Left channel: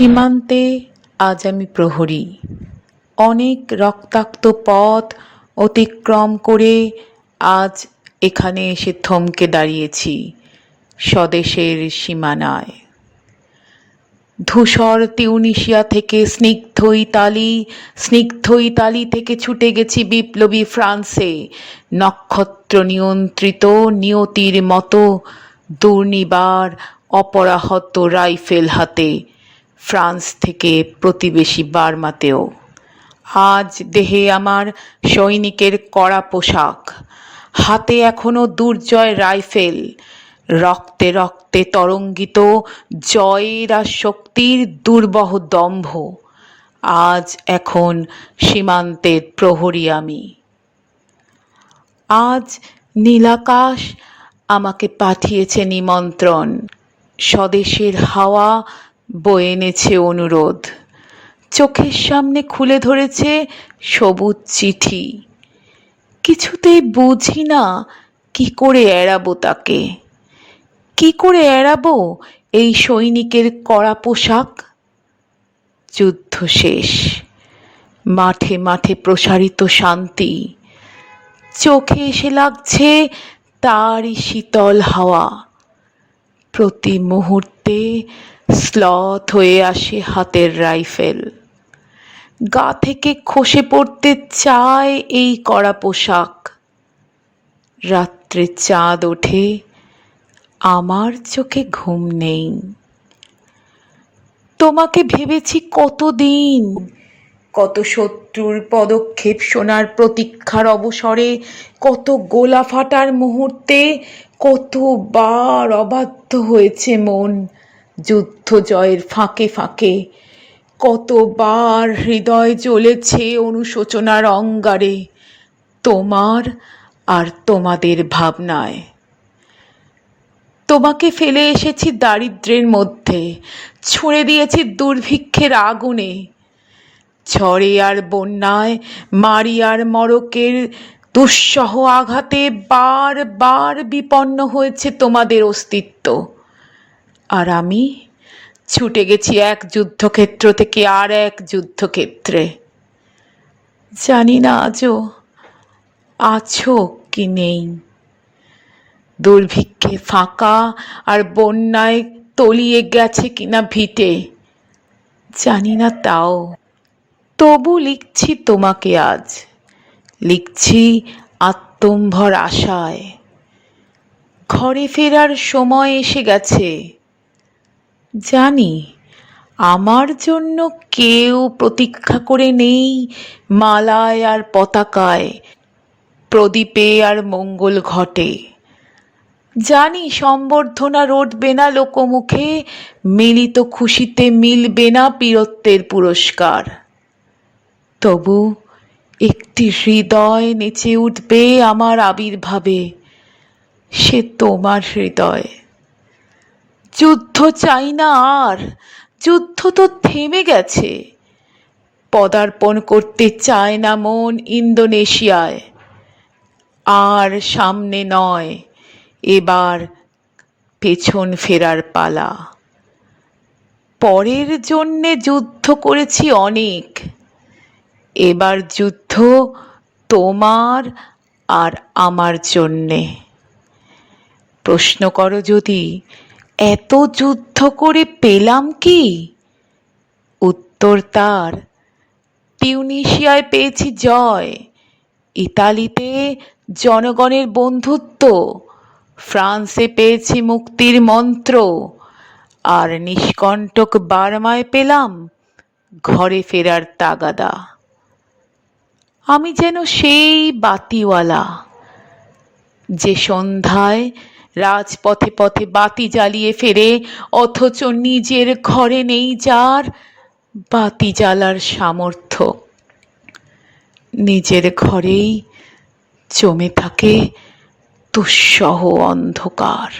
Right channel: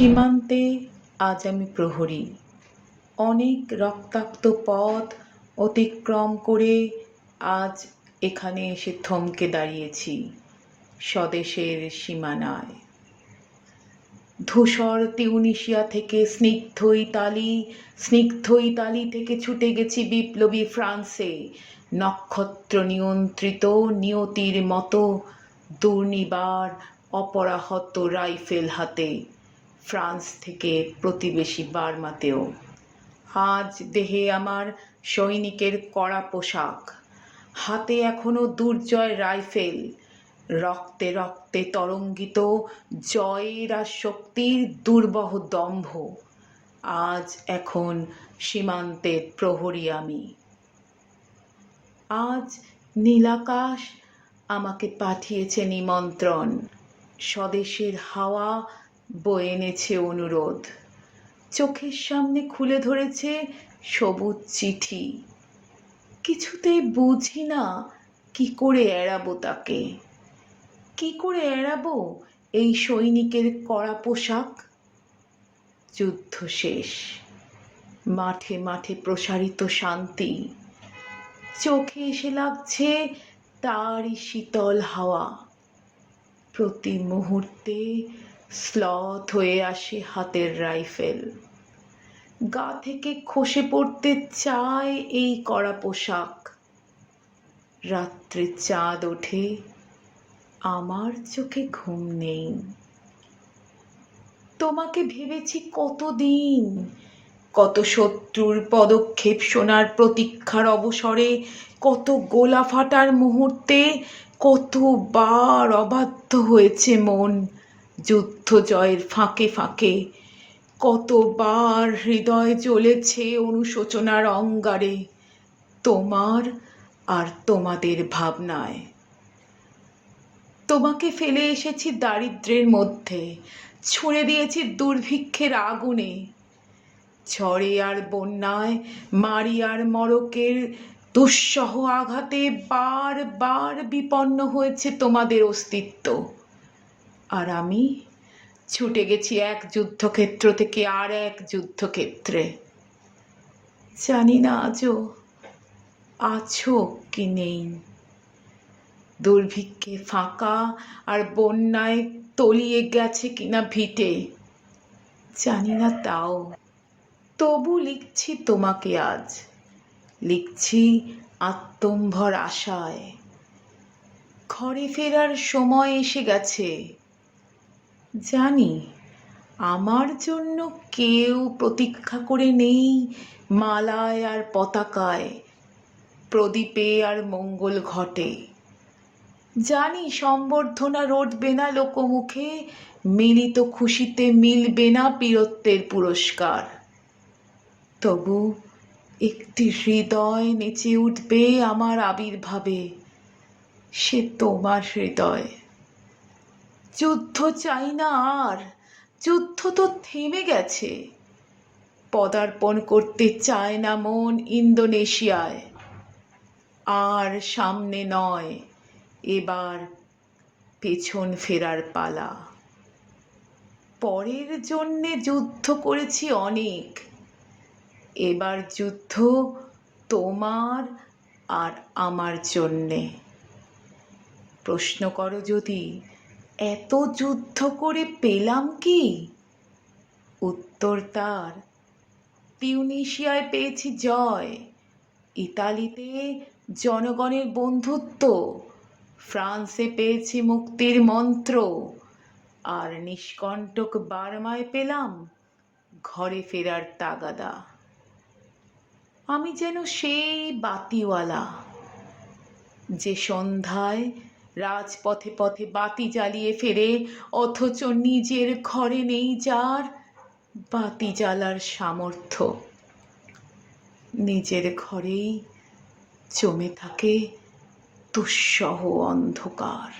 সীমান্তে আজ আমি প্রহরী। অনেক রক্তাক্ত পথ অতিক্রম করে আজ এখানে এসে থমকে দাঁড়িয়েছি স্বদেশের সীমানায়। ধূসর তিউনিসিয়া থেকে স্নিগ্ধ ইতালি থেকে ছুটে গেছি বিপ্লবী ফ্রান্সে, নক্ষত্র নিয়ন্ত্রিত নিয়তির মতো দুর্নিবার অপরাহত রাইফেল হাতে, ফ্রান্স থেকে প্রতিবেশী বার্মাতেও। আজ দেহে আমার সৈনিকের কড়া পোশাক, হাতে এখনো দুর্জয় রাইফেল, রক্তে রক্তে তরঙ্গিত জয়ের আর শক্তির দুর্বহ দম্ভ। আজ এখন সীমান্তের প্রহরী আমি। আজ নীলাকাশ আমাকে পাঠিয়েছে নিমন্ত্রণ, স্বদেশের হাওয়া বয়ে এনেছে অনুরোধ, চোখের সামনে খুলে ধরেছে সবুজ চিঠি। কিছুতেই বুঝি না কি করে এড়াবো তাকে, কি করে এড়াবো এই সৈনিকের কড়া পোশাক। যুদ্ধ শেষ, মাঠে মাঠে প্রসারিত শান্তি, চোখে এসে লাগছে তারই শীতল হাওয়া। প্রতি মুহূর্তে স্লথ হয়ে আসে হাতের রাইফেল, গা থেকে খসে পড়তে চায় এই কড়া পোশাক। রাত্রে চাঁদ ওঠে, আমার চোখে ঘুম নেই। তোমাকে ভেবেছি কতদিন, কত শত্রুর পদক্ষেপ শোনার প্রতীক্ষার অবসরে, কত গোলা ফাটার মুহূর্তে, কতবার অবাধ্য হয়েছে মন যুদ্ধ জয়ের ফাঁকে ফাঁকে, কতবার হৃদয় জ্বলেছে অনুশোচনার অঙ্গারে তোমার আর তোমাদের ভাবনায়। তোমাকে ফেলে এসেছি দারিদ্র্যের মধ্যে, ছুঁড়ে দিয়েছি দুর্ভিক্ষের আগুনে, ঝড়ে আর বন্যায়, মারি আর মড়কের দুঃসহ আঘাতে বার বার বিপন্ন হয়েছে তোমাদের অস্তিত্ব। আর আমি ছুটে গেছি এক যুদ্ধক্ষেত্র থেকে আর এক যুদ্ধক্ষেত্রে। জানি না আজও আছো কি নেই, দুর্ভিক্ষে ফাঁকা আর বন্যায় তলিয়ে গেছে কিনা ভিটে, জানি না তাও। তবু লিখছি তোমাকে আজ, লিখছি আত্মম্ভর আশায়। ঘরে ফেরার সময় এসে গেছে, জানি আমার জন্য কেউ প্রতীক্ষা করে নেই মালায় আর পতাকায়, প্রদীপে আর মঙ্গল ঘটে। জানি সম্বর্ধনা রটবে না লোকমুখে, মিলিত খুশিতে মিলবে না বীরত্বের পুরস্কার। তবু একটি হৃদয় নেচে উঠবে আমার আবির্ভাবে, সে তোমার হৃদয়। যুদ্ধ চাই না আর, যুদ্ধ তো থেমে গেছে। পদার্পণ করতে চায় না মন ইন্দোনেশিয়ায়। আর সামনে নয়, এবার পেছন ফেরার পালা। পরের জন্যে যুদ্ধ করেছি অনেক, এবার যুদ্ধ তোমার আর আমার জন্যে। প্রশ্ন করো যদি, এত যুদ্ধ করে পেলাম কি? উত্তর তার, টিউনিশিয়ায় পেয়েছি জয়, ইতালিতে জনগণের বন্ধুত্ব, ফ্রান্সে পেয়েছি মুক্তির মন্ত্র, আর নিষ্কণ্টক বার্মায় পেলাম ঘরে ফেরার তাগাদা। আমি যেন সেই বাতিওয়ালা, যে সন্ধ্যায় রাজপথে পথে বাতি জ্বালিয়ে ফেরে, অথচ নিজের ঘরে নেই যার বাতি জ্বালার সামর্থ্য। নিজের ঘরেই জমে থাকে দুঃসহ অন্ধকার।